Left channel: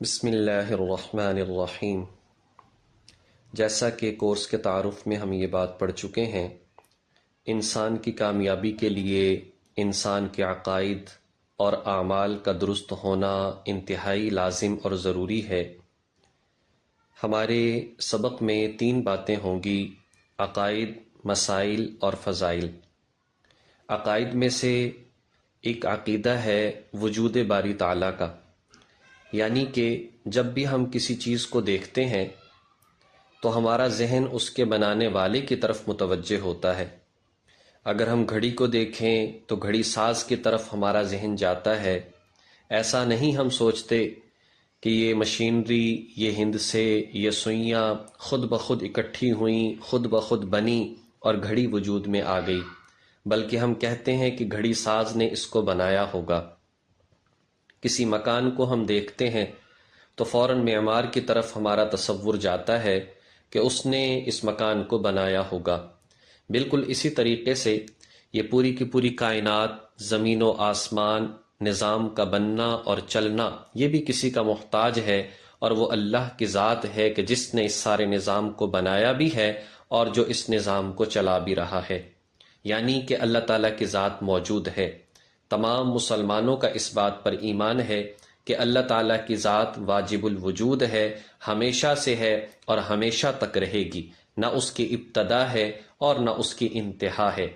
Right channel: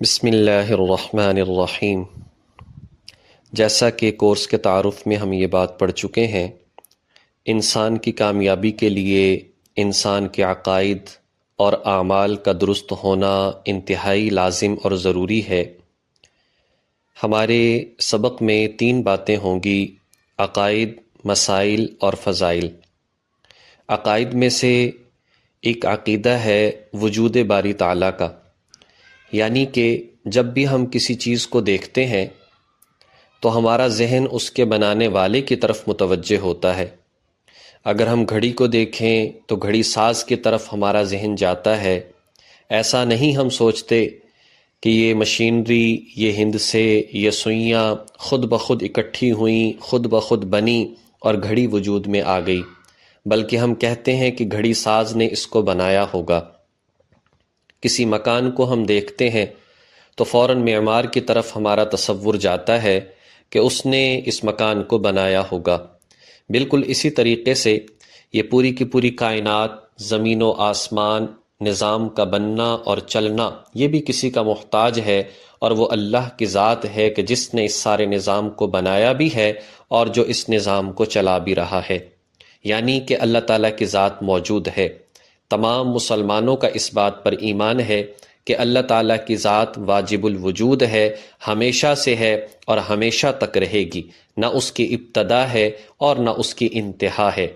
بسم اللہ الرحمن الرحیم۔ جیسا کہ کورس کے تعارف میں ہم یہ بات پڑھ چکے ہیں، انسان کی کامیابی کے لیے انسان کے عقائد اور اعمال کا درست ہونا انتہائی لازم اور ضروری ہے۔ ہمارے سبق میں 3 باتیں ہوں گی: عقائد، مسائل اور فضائل۔ عقائد میں سے ایک عقیدہ ہے وجود باری تعالیٰ کا، یعنی کہ جب بھی ہم کسی چیز کو دیکھتے ہیں تو ہمارا ذہن اس کے بنانے والے کی طرف متوجہ ہوتا ہے۔ اگر ہم گھڑی کو دیکھیں تو گھڑی ساز کی طرف ہمارا ذہن جاتا ہے۔ ایسا نہیں ہم سوچتے کہ یہ مشینری، یہ ہندسے، یہ سوئیاں خود بخود اکٹھی ہوئیں، خود بخود بنی اور گھڑی وجود میں آ گئی، بلکہ ہم کہتے ہیں کہ گھڑی ساز نے اس کو بنایا ہوگا۔ کسی مکان کو ہم دیکھتے ہیں تو فوراً معمار کی طرف ہمارا تصور جاتا ہے کہ اس نے اس مکان کو بنایا ہوگا۔ بالکل اسی طریقے سے یہ پوری کی پوری کائنات، زمین و آسمان، نظام کا بننا اور چلنا، یہ بھی کسی کا محتاج ہے، اور وہ اللہ کی ذات ہے کہ جس نے اس سارے نظام کو بنایا بھی ہے اور جو اس نظام کو چلا بھی رہا ہے، یعنی کہ اللہ تعالیٰ کی ذات موجود ہے۔ تمام مسلمانوں کا اس بات پر ایمان ہے کہ اللہ تعالیٰ کی ذات واجب الوجود ہے، ہمیشہ سے ہے اور ہمیشہ تک رہے گی، نہ اس کی ابتدا ہے اور نہ اس کی انتہا ہے۔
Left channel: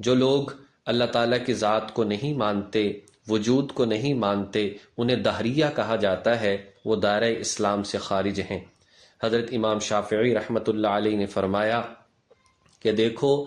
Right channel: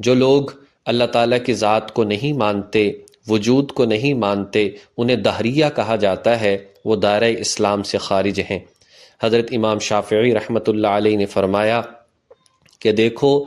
جو لوگ اللہ تعالیٰ کی ذات کو نہیں مانتے، وجود کو نہیں مانتے، انہیں دہریہ کہا جاتا ہے، وہ دائرہ اسلام سے خارج ہیں۔ حضرت امام شافعی رحمۃ اللہ علیہ نے فرمایا کہ دیکھو،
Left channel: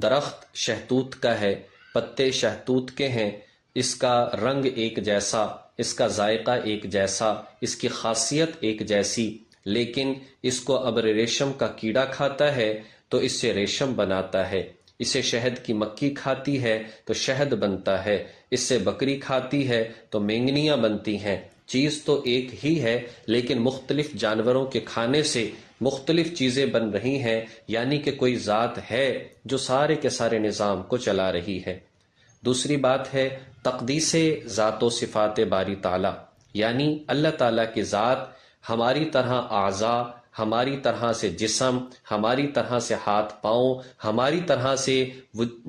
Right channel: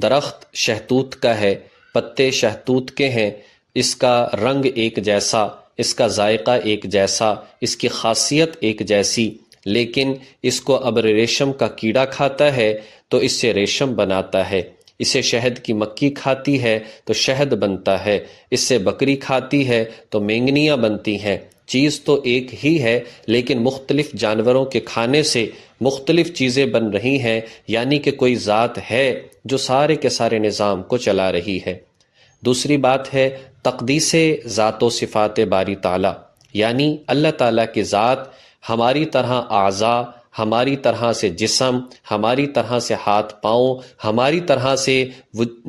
درخت شہتوت کا ہے، پتے شہتوت کے ہیں، اس کا رنگ ایک جیسا، اس کا ذائقہ ایک جیسا، اس کی خاصیت ایک جیسی، لیکن اس کو ابر ریشم کا کیڑا کھاتا ہے تو اس سے ریشم بناتا ہے، اسے شہد کی مکھی کھاتی ہے تو شہد بنتا ہے، اس سے بکری کھاتی ہے تو مینگنیاں بنتی ہیں۔ چیز تو ایک ہی ہے، لیکن مختلف جانوروں کے کھانے سے مختلف چیزیں بن رہی ہیں، یعنی کہ کوئی ذات ہے جو سارے کے سارے نظام کو چلا رہی ہے۔ دوسری بات ہے تقدیس ذات و صفات باری تعالیٰ، یعنی اللہ تعالیٰ کی ذات ہماری طرح اعضاء، ہماری طرح سے جسم، ہماری طرح سے ہاتھ پاؤں، ہماری طرح سے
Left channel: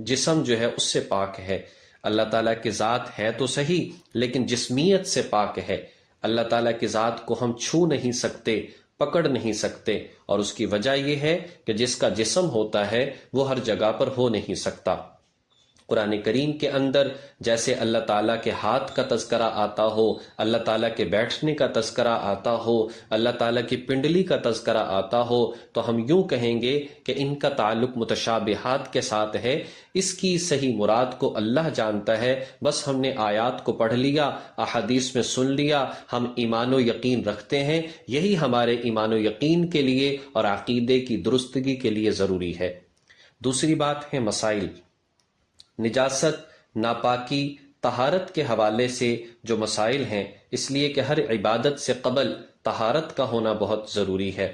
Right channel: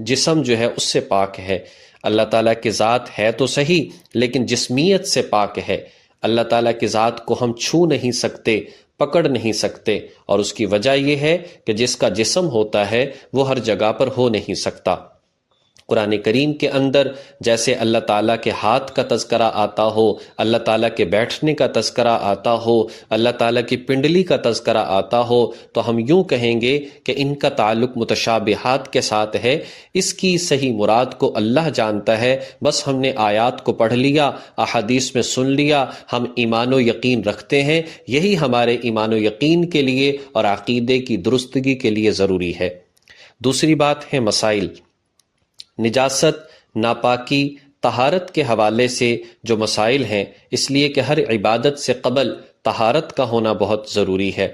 جسم جو ہے اس سے پاک ہے۔ اللہ تعالیٰ کی ذات ہے تو صحیح، لیکن جسمیت سے پاک ہے۔ اللہ تعالیٰ کی ذات کو ہم چھو نہیں سکتے، پکڑ نہیں سکتے، اور اس کی وجہ یہ ہے کہ جس کا جسم ہوتا ہے وہ ہر جگہ پر ہو نہیں سکتا۔ قرآن کریم کے اندر جیسے اللہ تعالیٰ کے ہاتھ کا تذکرہ آتا ہو، اللہ تعالیٰ کے بیٹھنے کا تذکرہ آتا ہو، اللہ تعالیٰ کی پنڈلی کا تذکرہ آتا ہو، تو ہم یوں کہیں گے کہ ان کا تعلق متشابہات کے ساتھ ہے۔ اس کی صحیح مراد کو اللہ جانتا ہے، بس ہم نے آیات کو پڑھ لیا، احادیث میں سن لیا، ہم ایمان و یقین رکھتے ہیں۔ یہی ہمارے ایمان و یقین کے لیے اور عقیدے کی درستگی کے لیے ضروری ہے۔ دوسری بات ہے مسائل۔ نجاست، ناپاکی، طہارت کے حوالے سے جو مسائل ہیں، اس لیے کہ ہر عبادت سے قبل طہارت کا ہونا بہت ضروری ہے۔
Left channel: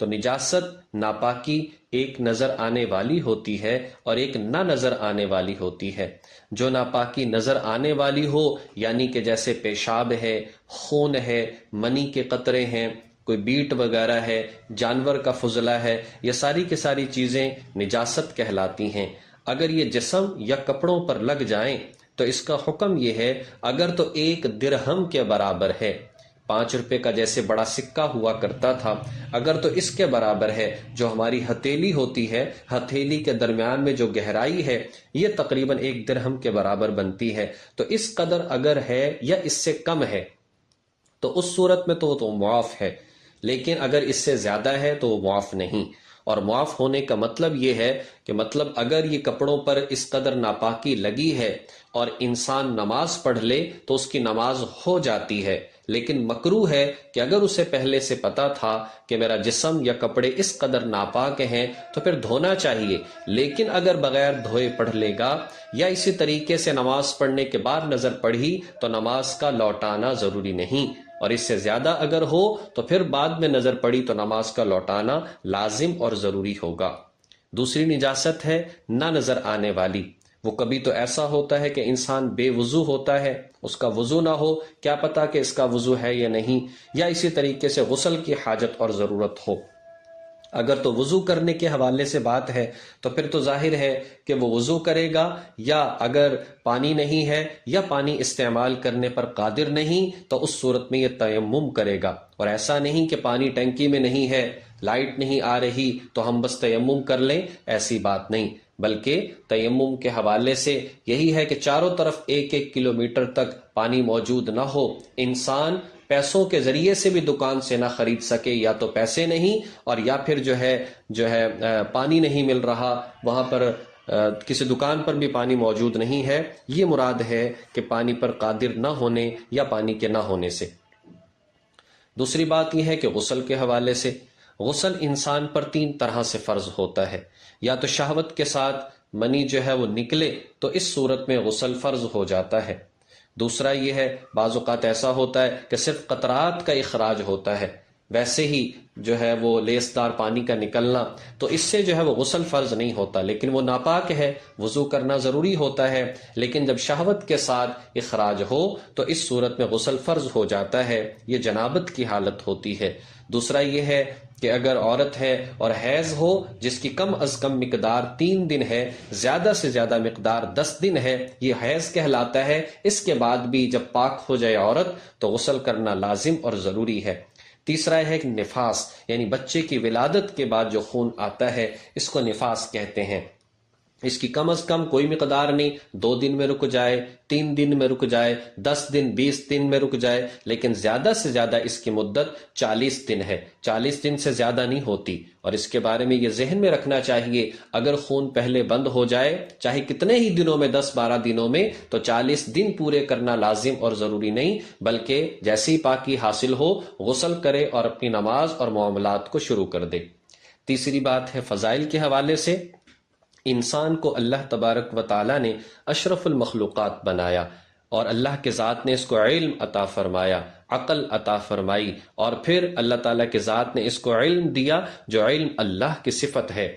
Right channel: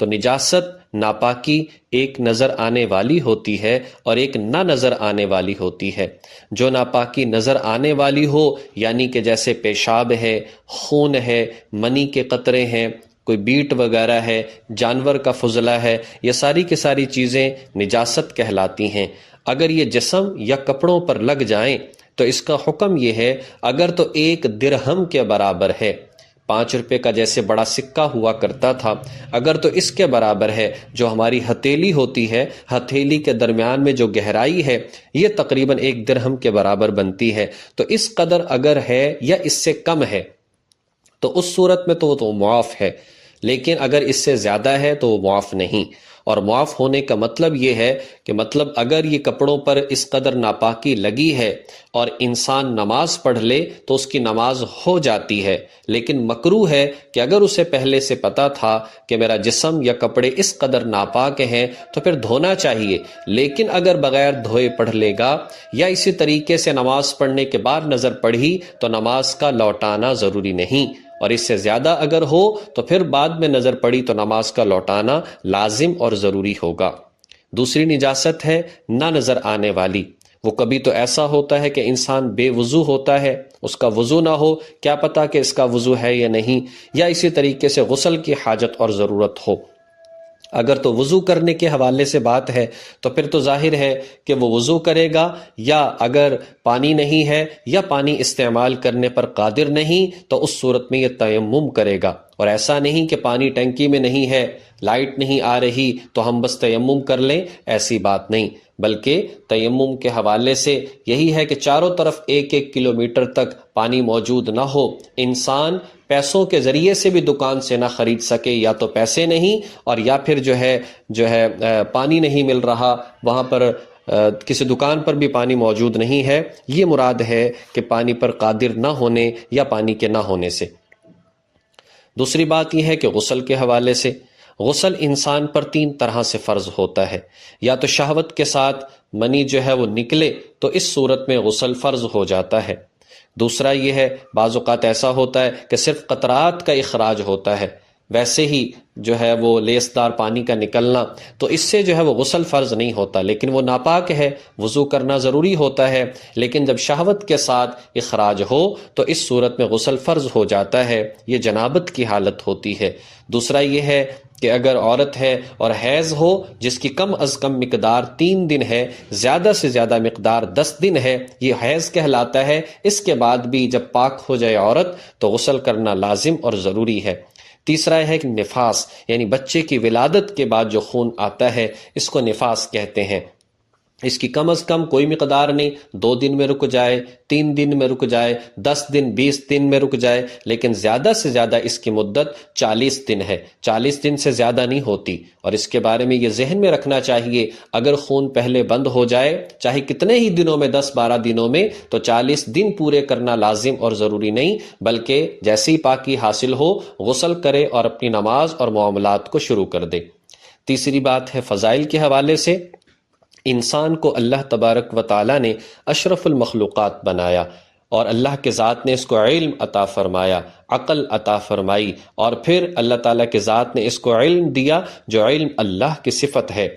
تو نجاست، ناپاکی ایک نظر آنے والی ہوتی ہے اور ایک نہ نظر آنے والی ہوتی ہے۔ جو ناپاکی نظر آنے والی ہو، یعنی کہ جیسے پیشاب ہے، خون ہے، منی کے قطرے ہیں، کوئی بیٹ وغیرہ ہے، جانور کا فضلہ ہے، یہ ساری کی ساری چیزیں نجاست کہلاتی ہیں۔ اگر یہ جسم یا کپڑوں پر لگ جائیں تو اس کا حکم یہ ہے، اگر تو 1 درہم کے برابر ہے، 5 روپے کا جیسے بڑا سکہ ہوا کرتا تھا، اگر تو اس کے برابر ہے، جو ہماری ہتھیلی ہوتی ہے، ہتھیلی کے درمیان میں جو گہرائی ہے، یہ تقریباً 1 درہم کے برابر بنتی ہے، تو اس قدر اگر ہے یا اس سے کم ہے تو اس صورت میں تو وہ معاف ہے، لیکن اگر اس سے زیادہ ہے تو وہ معاف نہیں۔ اور معاف ہونے کا مطلب یہ ہے کہ مطلب اگر یہ کپڑوں پر اس قدر ناپاکی لگی ہے اور انسان نماز پڑھ لے تو اس کی نماز ہو جاتی ہے، لیکن مکروہ ہے کہ اگر اسے پہلے سے پتا تھا کہ میرا جسم یا کپڑے اس قدر ناپاک ہیں تو پھر دھونا چاہیے، لیکن اگر بغیر دھوئے پڑھ لے گا یا اسی طریقے سے نماز پڑھنے کے بعد نظر پڑھی تو نماز کا لوٹانا ضروری نہیں، اور اس سے زیادہ اگر ہو تو پھر بعد میں نظر پڑی تو نماز کا لوٹانا لازم اور ضروری ہوگا۔ دوسری نجاست ہے نہ نظر آنے والی۔ وہ کبھی تو ایسا ہوتا ہے کہ انسان بے وضو ہوتا ہے، اس کا وضو نہ ہو، کیا پتا کہ اس کا وضو ہے یا نہیں، یا اسی طریقے سے غسل کی حاجت اور ضرورت ہو۔ اگر تو وضو کرنے کے حوالے سے بات ہے تو پھر تو ظاہر ہے کہ وہ وضو کرے گا، یا اگر پانی نہیں ہے یا پانی استعمال کرنے پر قادر نہیں تو اس صورت میں یہ تیمم کرے گا۔ اور ایسا نہیں کہ پانی ٹینکی میں نہیں ہے، لائٹ نہیں آ رہی تو ہم بس تیمم کر لیں، ایسی بات نہیں، بلکہ تیمم کے حوالے سے یہی ہے کہ چاروں طرف 1-1 کلومیٹر تک پانی موجود نہ ہو، انسان پیسوں کے ذریعے سے بھی دکان سے نہ خرید سکے، یا تو پیسے نہیں اور یا پھر جو ہے پانی نہیں مل رہا، وہاں پر کسی دکان پر بھی پانی موجود نہیں ہے، یہ مراد ہے کہ پانی پر قادر نہ ہونے یا پانی کے نہ ہونے سے۔ دوسری بات یہ ہے کہ غسل کے حوالے سے، غسل انسان پر 3 طرح سے فرض ہوتا ہے، یا تو شہوت کے ساتھ منی جو ہے وہ نکلے تو اس صورت میں غسل فرض ہو جاتا ہے۔ دوسرا یہ ہے بعض اوقات ایسا ہوتا ہے کہ صرف قطرات کا اخراج ہوتا ہے، ویسے ہی جو ہے وہ لیسدار پانی کا نکلنا، تو اس سے جو ہے وہ غسل فرض نہیں ہوتا، لیکن وہ ناپاک ہے، وضو کرنا ضروری ہوتا ہے، لیکن جب شہوت کے ساتھ اخراج ہو تو اس صورت میں غسل فرض ہو جاتا ہے، یہ جنابت کی حالت ہوتی ہے۔ دوسرا یہ ہے کہ اگر عورت ہے اور حیض ہو جس کی کم از کم مقدار 3 دن ہے، زیادہ سے زیادہ مقدار 10 دن ہے، یہ حیض کہلاتا ہے، اس کے بعد بھی جب پاک ہو جائے عورت تو غسل کرنا لازم اور ضروری ہے۔ تیسرا ہے کہ نفاس، یعنی بچے کی ولادت کے بعد جو خون آتا ہے اس کو نفاس کہتے ہیں، اس کی کم از کم کوئی مقدار نہیں، 2 دن میں رک جائے، 3 دن میں رک جائے، 10 دن 20 دن میں رک جائے، لیکن زیادہ سے زیادہ اس کی مدت 40 دن ہے، 40 دن سے زیادہ نہیں ہوتی۔ اور اس کے بارے میں یہ ذہن میں رکھنا چاہیے، اگر خون پہلے بند ہو جائے چاہے کتنے ہی دنوں میں، 10-12 دنوں میں، تو 40 دن پورے کرنا لازم اور ضروری نہیں، بلکہ جیسے ہی پاکی حاصل ہو غسل کرے اور اپنی نماز اور معاملات کو شروع کر دے۔ تیسری بات ہے فضائل کے حوالے سے، انسان کو اللہ تبارک و تعالیٰ نے اشرف المخلوقات بنایا، اور اللہ کے ذات نے اس کو علم عطا فرمایا، عقل عطا فرمائی، اور پھر اللہ تعالیٰ کے ذات نے اس کو علم دیا جو علم اللہ کی صفت ہے۔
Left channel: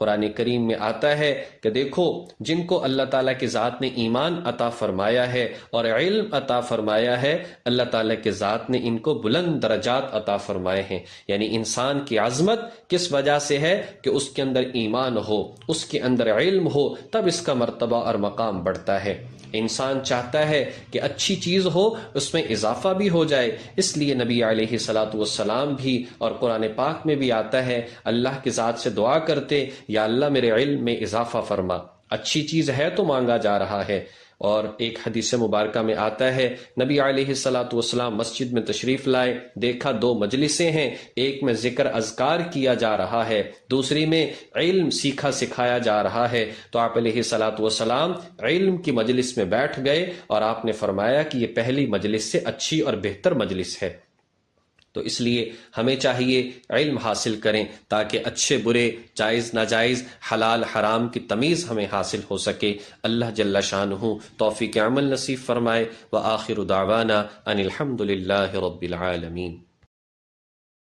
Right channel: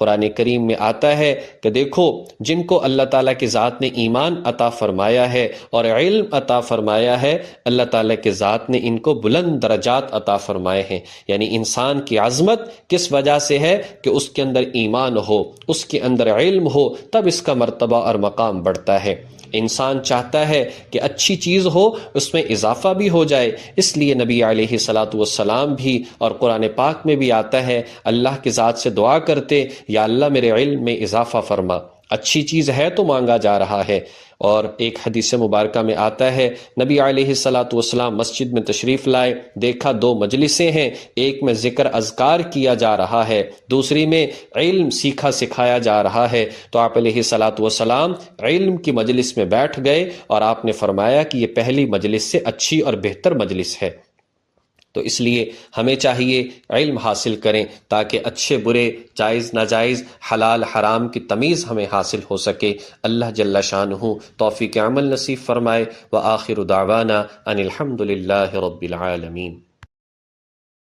قرآن کریم میں آتا ہے کہ دیکھو جن کو اللہ تعالیٰ کی ذات نے ایمان عطا فرمایا ہے اور علم عطا فرمایا ہے، اللہ تعالیٰ کی ذات نے ان کو بلند درجات عطا فرمائے ہیں۔ یعنی انسان کی عظمت کس وجہ سے ہے کہ اس کے اندر ایمان ہو، اس کے اندر علم ہو، تب اس کا مرتبہ اور مقام بڑھتا ہے۔ انسان چاہتا ہے کہ اچھی چیز ہو، اس میں اضافہ بھی ہو جائے، اس لیے نبی علیہ الصلاۃ والسلام بھی اور قرآن پاک میں بھی آتا ہے اللہ کی ذات سے دعا کرتے، یا اللہ میرے علم میں اضافہ فرما۔ اچھی چیز ہے تو مانگا جا رہا ہے۔ اور ایک حدیث مبارکہ میں آتا ہے نبی علیہ الصلاۃ والسلام مسجد میں تشریف لائے، دیکھا 2 مجلسیں ہیں، ایک میں ذکر اذکار کیا جا رہا ہے، دوسری میں علم سیکھا سکھایا جا رہا ہے، تو آپ علیہ الصلاۃ والسلام علم کی مجلس میں بیٹھ گئے اور آپ نے فرمایا کہ یہ پہلی مجلس سے اچھی اور بہتر مجلس ہے۔ تو اس لیے ہمیں چاہیے علم حاصل کریں تاکہ اچھے برے، جائز ناجائز، حلال حرام کی تمیز ہمیں حاصل ہو سکے۔ اللہ جل شانہ توفیق عمل نصیب فرمائے۔ وآخر دعوانا ان الحمد للہ رب العالمین۔